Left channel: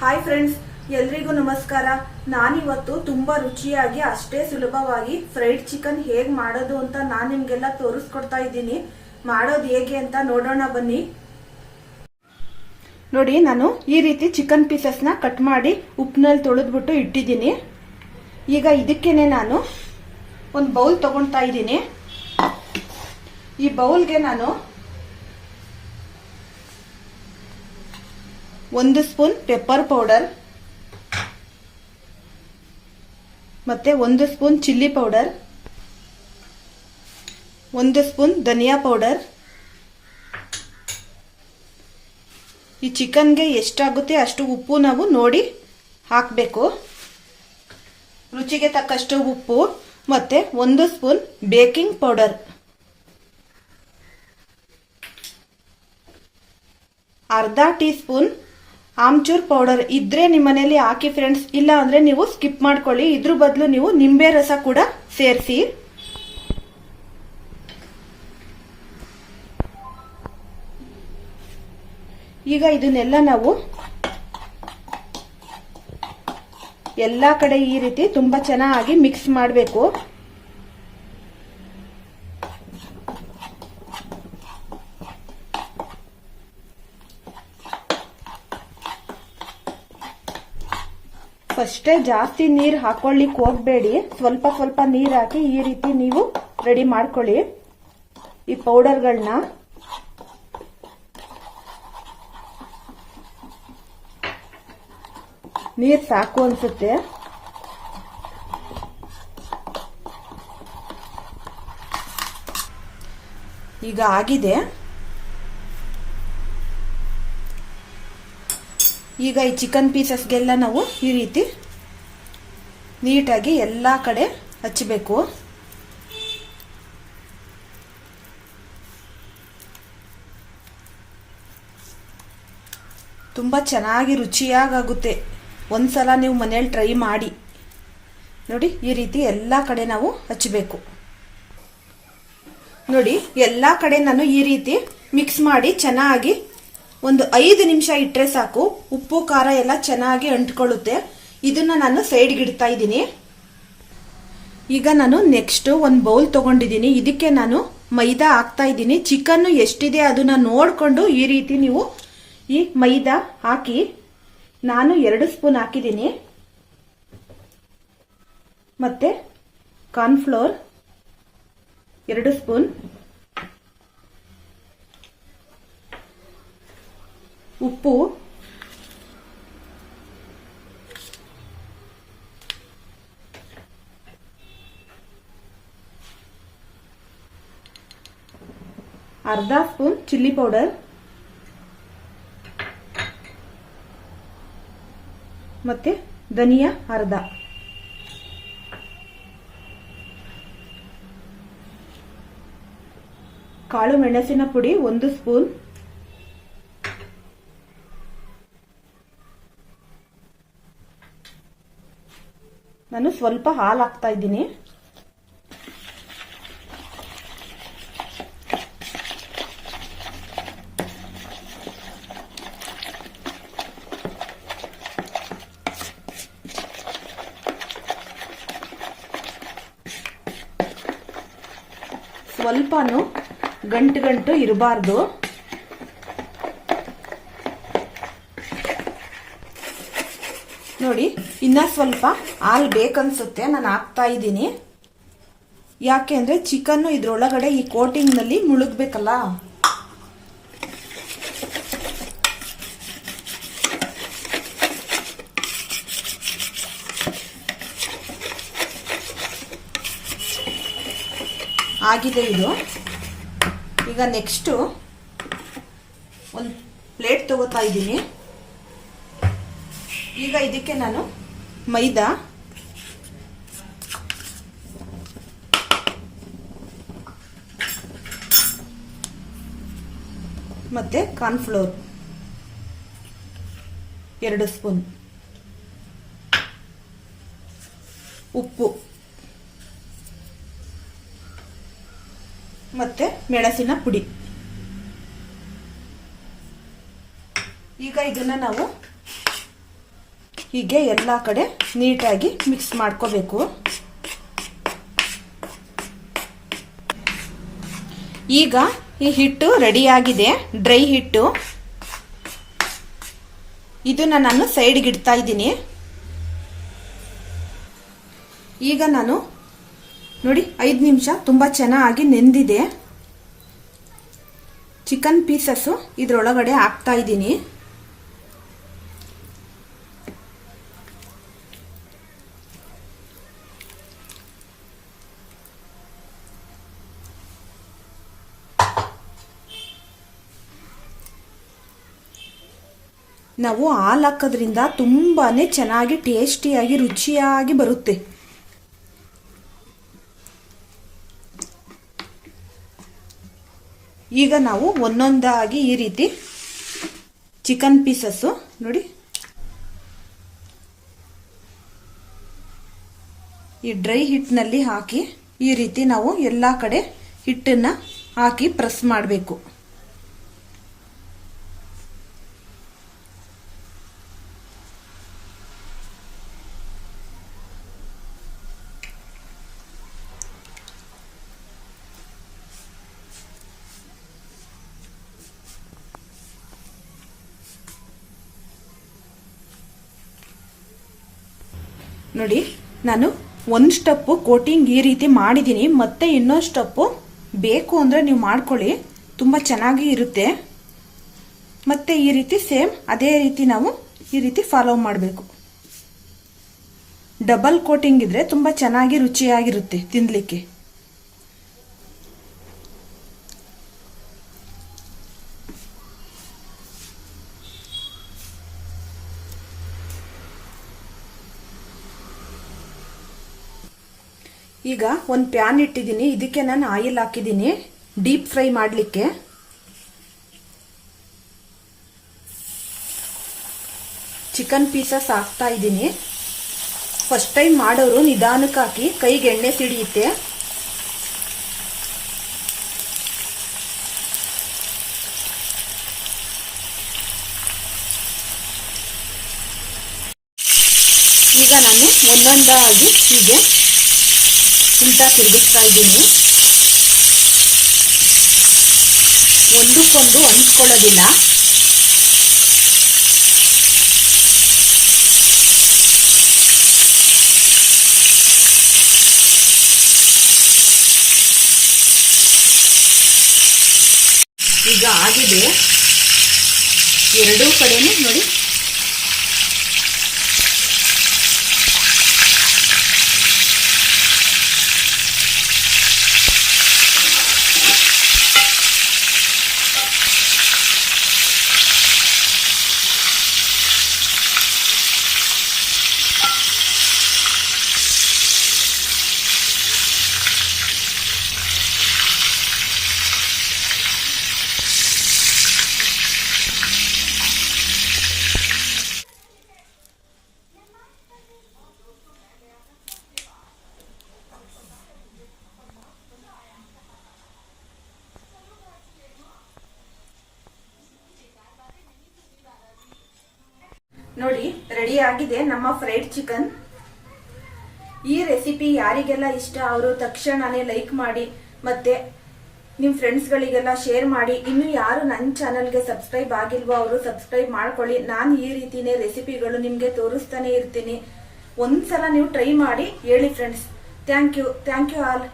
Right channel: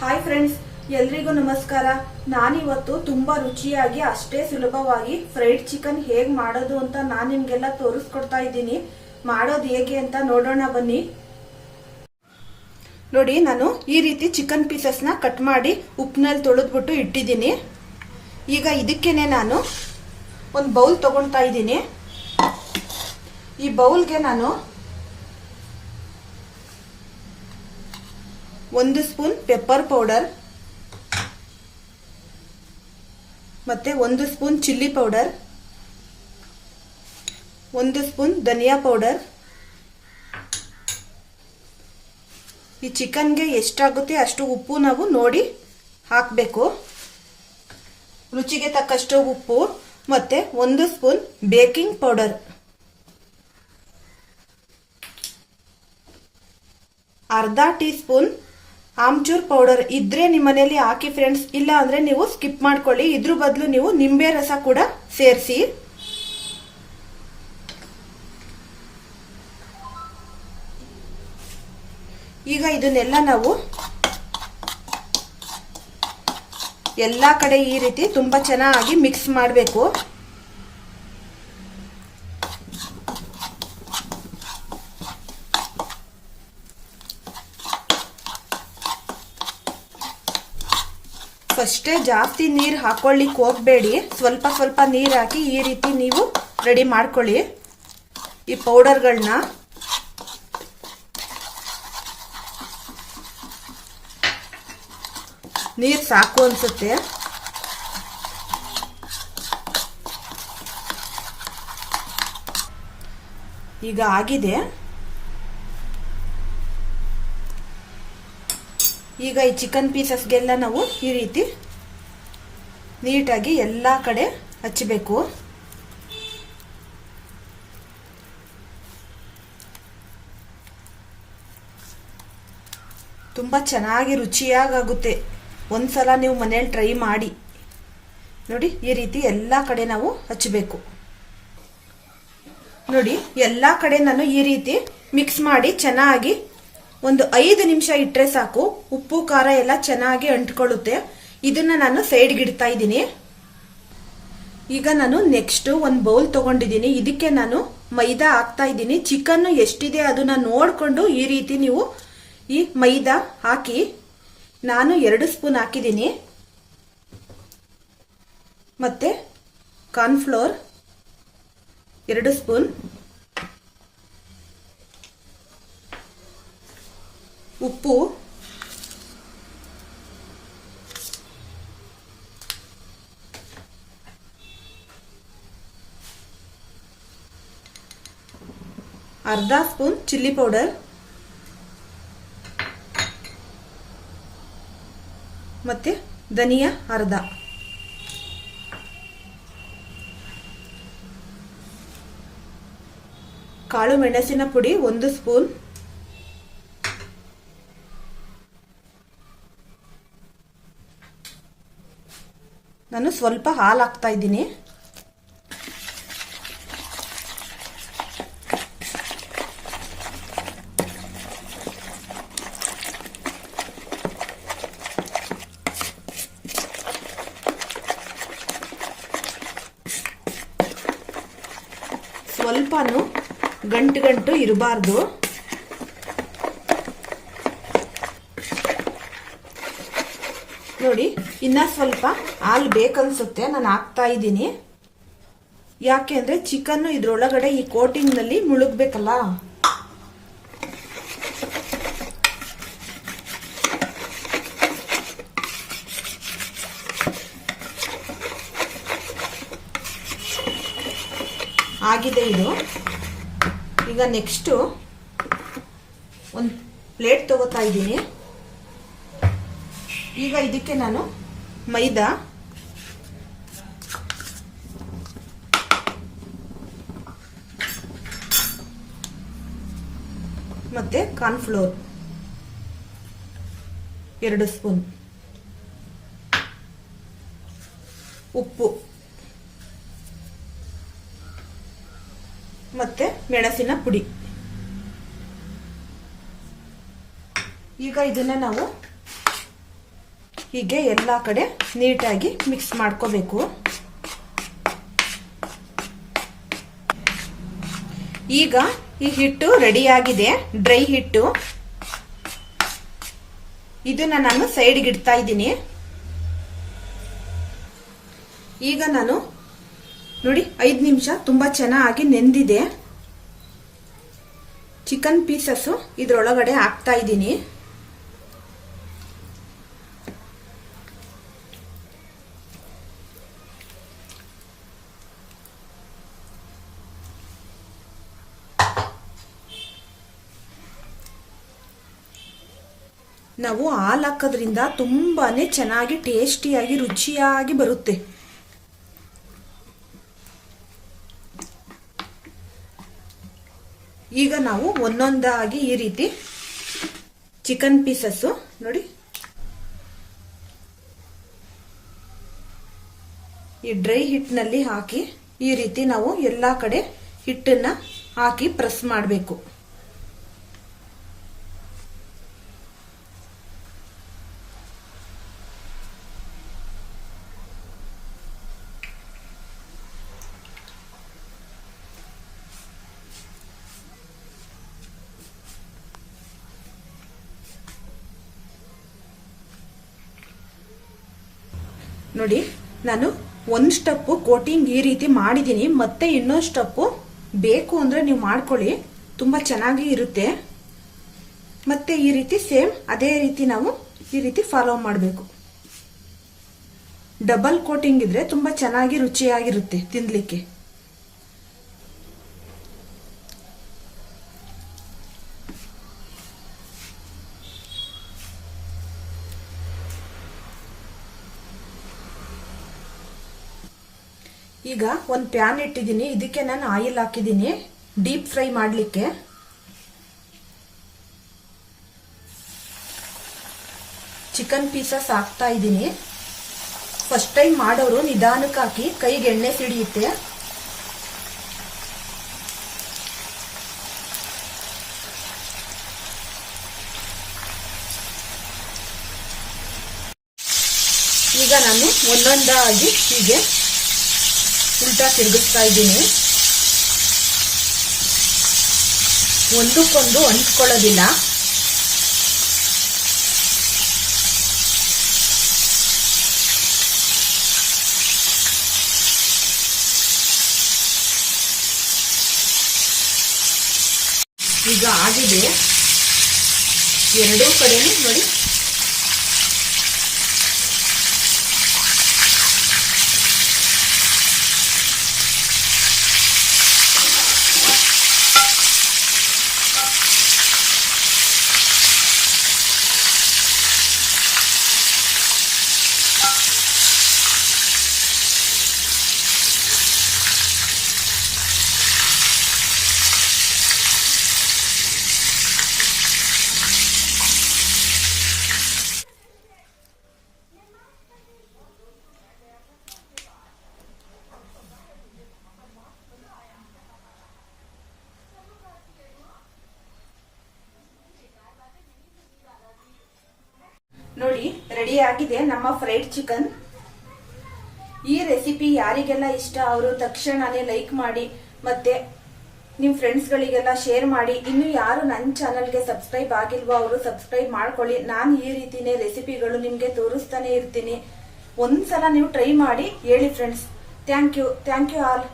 Hi friends ಎಲ್ರಿಗೂ ನಮಸ್ಕಾರ. ನಾನಿವತ್ತು ತುಂಬಾ ರುಚಿಯಾಗಿ, ಅಷ್ಟೇ ಸುಲಭವಾಗಿ ಫ್ರೈಡ್ ಚಿಕನ್ ಹೇಗ್ ಮಾಡೋದು ಅಂತ ನಾನ್ ನಿಮ್ಗೆಲ್ಲ ತೋರಿಸ್ಕೊಡ್ತಾ ಇದ್ದೀನಿ. ಮಾಡೋದು ಹೇಗೆ ಅಂತ ನೋಡೋಣ ಬನ್ನಿ. ನೋಡಿ, ನಾನು ಈ ರೀತಿ ಚಿಕನ್ ಪೀಸಸ್ನ ಕಟ್ ಮಾಡಿ ಉಪ್ಪಿನಲ್ಲಿ ತೊಳೆದ್ಬಿಟ್ಟು ಇಟ್ಟಿದ್ದೀನಿ. ಈಗ ಇದಕ್ಕೇನೆ ನಾನು ಒಂದು ಬೌಲ್ ತಗೊಳ್ತಾ ಇದ್ದೀನಿ. ಈ ಬೌಲ್ಗೆ ನಾನು ಒಂದು ಸ್ಪೂನ್ ಪೆಪ್ಪರ್ ಪೌಡರ್ ಮತ್ತೆ ಒಂದು ಸ್ಪೂನ್ ಚಿಲ್ಲಿ ಪೌಡರ್ ಒಂದು ಸ್ಪೂನ್ ಧನಿಯಾ ಪೌಡರ್ ಈ ಚಿಕನ್ಗೆ ಎಷ್ಟಾಗುತ್ತೆ ಅಷ್ಟು ಉಪ್ಪು ನಾವು ನೋಡಿ ಹಾಕಬೇಕು. ರುಚಿಗೆ ತಕ್ಕಷ್ಟು ಉಪ್ಪು ಮತ್ತೆ ಒಂದು ಸ್ಪೂನ್ ಬೇಕಿಂಗ್ ಪೌಡರ್ ಅರ್ಧ ಟೀ ಸ್ಪೂನ್ ಆಮ್ಚೂರ್ ಪೌಡರ್ ಇದ್ರೆ ನಿಮ್ಮ ಮನೇಲಿ ಹಾಕಿ ಫ್ರೆಂಡ್ಸ್ ಇಲ್ಲ ಅಂದ್ರೆ ನೀವು ಸ್ಕಿಪ್ ಮಾಡ್ಕೊಳ್ಳಿ. ಇದ್ರ ಬದಲು ನೀವು ನಿಂಬೆ ರಸ ಕೂಡ ಸೇರಿಸಿ. ಈಗ ಇದನ್ನೆಲ್ಲ ನಾವು ಎಲ್ಲ ಕಡೆ ಈ ರೀತಿ ತುಂಬಾ ಚೆನ್ನಾಗಿ ಮಿಕ್ಸ್ ಮಾಡಬೇಕು. ಫಸ್ಟೇ ಜಾಸ್ತಿ ನೀರು ಹಾಕೊಳ್ಳಿಕ್ಕೆ ಹೋಗಬೇಡಿ. ಸ್ವಲ್ಪ ಸ್ವಲ್ಪ ನೀರು ಹಾಕಿ ಈ ರೀತಿ ನೀವು ರೆಡಿ ಮಾಡ್ಕೊಳ್ಳಿ. ಈ ಪೌಡರ್ಗಳನ್ನ ನೀರು ಸಾಕು ಅನ್ಸುತ್ತೆ. ಈಗ ಆಗಿದೆ. ಈಗ ಈ ಚಿಕನ್ ಪೀಸಸ್ಗೆಲ್ಲ ನಾವು ಈ ರೀತಿ ನೀಟಾಗಿ ಎಲ್ಲ ಕಡೆ ಹಚ್ಚಬೇಕು ತುಂಬ ಚೆನ್ನಾಗಿ ರುಚಿಯಾಗುತ್ತೆ ಒಂದ್ಸಲ ನೀವು ಮನೇಲಿ ಟ್ರೈ ಮಾಡಿ. ನೋಡಿ, ಈ ರೀತಿ ಎಲ್ಲ ಕಡೆ ನಾವು ಹಚ್ಚಬೇಕು ನೋಡಿ, ಎಲ್ಲ ಕಡೆ ನಾನು ಈ ರೀತಿ ಮಿಕ್ಸ್ ಮಾಡಿ ಚೆನ್ನಾಗಿ ಒಂದು ಐದು ನಿಮಿಷ ಇಟ್ಟರೆ ಸಾಕು. ಉಪ್ಪು, ಖಾರ ಎಲ್ಲ ಚೆನ್ನಾಗಿ ಅಂಟ್ಕೊಳ್ಳುತ್ತೆ. ಇದನ್ನ ನಾನು ಸೈಡ್ಗೆ ಇದ್ದೀನಿ. ಈಗ ನಾನು ನೆಕ್ಸ್ಟ್ ಒಂದು ಬೌಲ್ ತಗೊಂಡಿದ್ದೀನಿ. ಇದಕ್ಕೆ ನಾನು ಮೈದಾ ಹಾಕ್ತಾ ಇದ್ದೀನಿ. ಚಿಕನ್ ಎಷ್ಟಿದೆ ಅದನ್ನ ನೋಡಿಕೊಂಡು ಈ ರೀತಿ ನೀವು ಈ ಮೈದಾ ಹಾಕಿ ನಾನು ಎರಡು ಸ್ಪೂನ್ ಹಾಕಿದ್ದೀನಿ. ಮತ್ತೆ ಕಾರ್ನ್ಫ್ಲೋರ್ ಎರಡು ಸ್ಪೂನ್ ಉಪ್ಪು. ಅರ್ಧ ಸ್ಪೂನ್ ಚಿಲ್ಲಿ ಪೌಡರ್. ಮತ್ತೆ ಧನಿಯಾ ಅರ್ಧ. ಕಾಳು ಮೆಣಸಿನ ಪುಡಿ ಒಂದು ಸ್ಪೂನ್. ನಾನು ಸ್ವಲ್ಪ ಹಾಲು ಹಾಕ್ತಾ ಇದ್ದೀನಿ. ಸ್ವಲ್ಪನೂ ಗಂಟು ಗಂಟು ಇರಬಾರ್ದು. ನೋಡಿ, ಇನ್ನ ಸ್ವಲ್ಪ ಹಾಲು ಬೇಕನ್ಸುತ್ತೆ, ನಾನು ಹಾಕ್ತಾ ಇದ್ದೀನಿ. ಯಾಕೆ ಅಂದ್ರೆ ಚಿಕನ್ ಇದ್ರೊಳಗಡೆ ಈ ಕೋಟಿಂಗ್ನಲ್ಲಿ ಮುಳುಗ್ಬೇಕಲ್ಲ. ಆಗಿದೆ ಇದು. ಈಗ ನೆಕ್ಸ್ಟು ಒಂದು ಪ್ಲೇಟ್ ತಗೋತಾ ಇದ್ದೀನಿ. ಈಗ ಇದಕ್ಕೆ ನಾನು ಮೈದಾ, ಮತ್ತೆ ಕಾರ್ನ್ಫ್ಲೋರ್, ಎರಡು ಸ್ಪೂನ್ ಉಪ್ಪು, ಮತ್ತೆ ಮೆಣಸಿನ ಪುಡಿ. ಈಗ ಇದನ್ನ ನಾವು ಹೀಗೆ ಎಲ್ಲ ಕಡೆ ನೀಟಾಗಿ ಮಿಕ್ಸ್ ಮಾಡ್ಕೋಬೇಕು. ಈಗ ಈ ಹಿಟ್ಟು ರೆಡಿಯಾಗಿದೆ ಡ್ರೈ ಹಿಟ್ಟು. ಇದನ್ನ ನಾನು ಸೈಡ್ಗೆ ಇಡ್ತಾ ಇದ್ದೀನಿ. ಈಗ ನಾನು ನೋಡಿ ಐದು ನಿಮಿಷ ತುಂಬಾ ಚೆನ್ನಾಗಿ ನೆಂದಿದೆ. ಚಿಕನ್ ಪೀಸಸ್ ಇದರೊಳಗಡೆ ಹಾಕ್ತಾ ಇದ್ದೀನಿ. ನಾವು ಹಾಲು ಹಾಕೋದ್ರಿಂದ ತುಂಬಾನೇ ಚೆನ್ನಾಗಿ ಟೇಸ್ಟಿಯಾಗಿ ರುಚಿಯಾಗಿ ಬರುತ್ತೆ. ಈಗ ನಾವು ಒಂದೊಂದಾಗಿ ಈ ರೀತಿ ಚಿಕನ್ ಪೀಸಸ್ ನೋಡಿ. ಈ ಡ್ರೈ ಹಿಟ್ಟಿನಲ್ಲಿ ಹಾಕಿ ಈ ರೀತಿ ನಾವು ಎಲ್ಲಾ ಕಡೆ ಹಿಟ್ಟನ್ನ ಹಾಕಿ ಪ್ರೆಸ್ ಮಾಡಬೇಕು. ನೋಡಿ, ನಾನು ಒಂದು ಸ್ಟೆಪ್ ಕೋಟಿಂಗ್ ಈ ರೀತಿ ಮಾಡಿದ್ದೀನಿ, ಮತ್ತೆ ಇನ್ನೊಂದು ಸ್ಟೆಪ್ ಬೇಕು ಅಂದ್ರೆ ನೀವು ಮಾಡ್ಕೊಳ್ಳಿ, ತುಂಬಾ ಚೆನ್ನಾಗಿ ಇರುತ್ತೆ. ಮತ್ತೆ ಈ ರೀತಿ ಸೇಮ್, ಅದೇ ರೀತಿ ನಾವು ಈ ರೀತಿ ಫಾಲೋ ಮಾಡಬೇಕು. ಡಬಲ್ ಕೋಟಿಂಗ್ ಇದ್ರೆ ತುಂಬಾ ಚೆನ್ನಾಗಿ ರುಚಿಯಾಗಿರುತ್ತೆ ತಿನ್ಲಿಕ್ಕೆ. ಈಗ ಒಂದು ಪ್ಯಾನ್ ಇಟ್ಟಿದ್ದೀನಿ. ಇದಕ್ಕೆ ನಾನು ಆಯಿಲ್ ಹಾಕಿದ್ದೀನಿ. ಡೀಪ್ ಫ್ರೈ ಮಾಡಲಿಕ್ಕೆ. ಚಿಕನ್ ಪೀಸಸ್ ಹಾಕ್ತಾ ಇದ್ದೀನಿ. ಫಸ್ಟ್ ಟೈಮ್ ಮಾಡೋರು ನಿಧಾನಕ್ಕೆ ಹಾಕಿ ಕೈಗೆ ಎಣ್ಣೆ ಸಿಡಿಯುತ್ತೆ. ಈಗ ನಾನು ಒಂದೊಂದಾಗಿ ಹೀಗೆ ಉಲ್ಟಾ ತಿರುಗಿಸ್ತಾ ಇದ್ದೀನಿ. ಒಂದಕ್ಕೊಂದು ಹೊಂದ್ಕೊಳ್ಳೋದಿಲ್ಲ ಈಗ ಆಗಿದೆ. ಎರಡೂ ಕಡೆನೂ ನೋಡಿ ನೋಡಿ ರೆಡಿ ಆಗಿದೆ. ನಮ್ಮ ಫ್ರೈಡ್ ಚಿಕನ್ ಈ ರೆಸಿಪಿ ಯಾರಿಗೆಲ್ಲ ಇಷ್ಟ, ಅವರು ತಕ್ಷಣನೇ ಲೈಕ್ ಮಾಡಿ, ಮತ್ತೆ ನಿಮ್ ಫ್ರೆಂಡ್ಸ್ ಗಳಿಗೆಲ್ಲ ಶೇರ್ ಮಾಡಿ. ಇನ್ನು ಯಾರು ನನ್ನ ಚಾನಲ್ಗೆ ಸಬ್ಸ್ಕ್ರೈಬ್ ಆಗಿಲ್ವೋ, ಅವರು ಸಬ್ಸ್ಕ್ರೈಬ್ ಮಾಡ್ಕೊಳ್ಳಿ. ನಾನು ಈ ರೀತಿನೇ ರೆಸಿಪಿಗಳು ನಿಮ್ಗೆ ತೋರಿಸ್ತಾನೆ ಇರ್ತೀನಿ. ಒಂದ್ಸಲ ನೀವು ಟ್ರೈ ಮಾಡಿ, ಹೇಳಿ friends thank you thank you all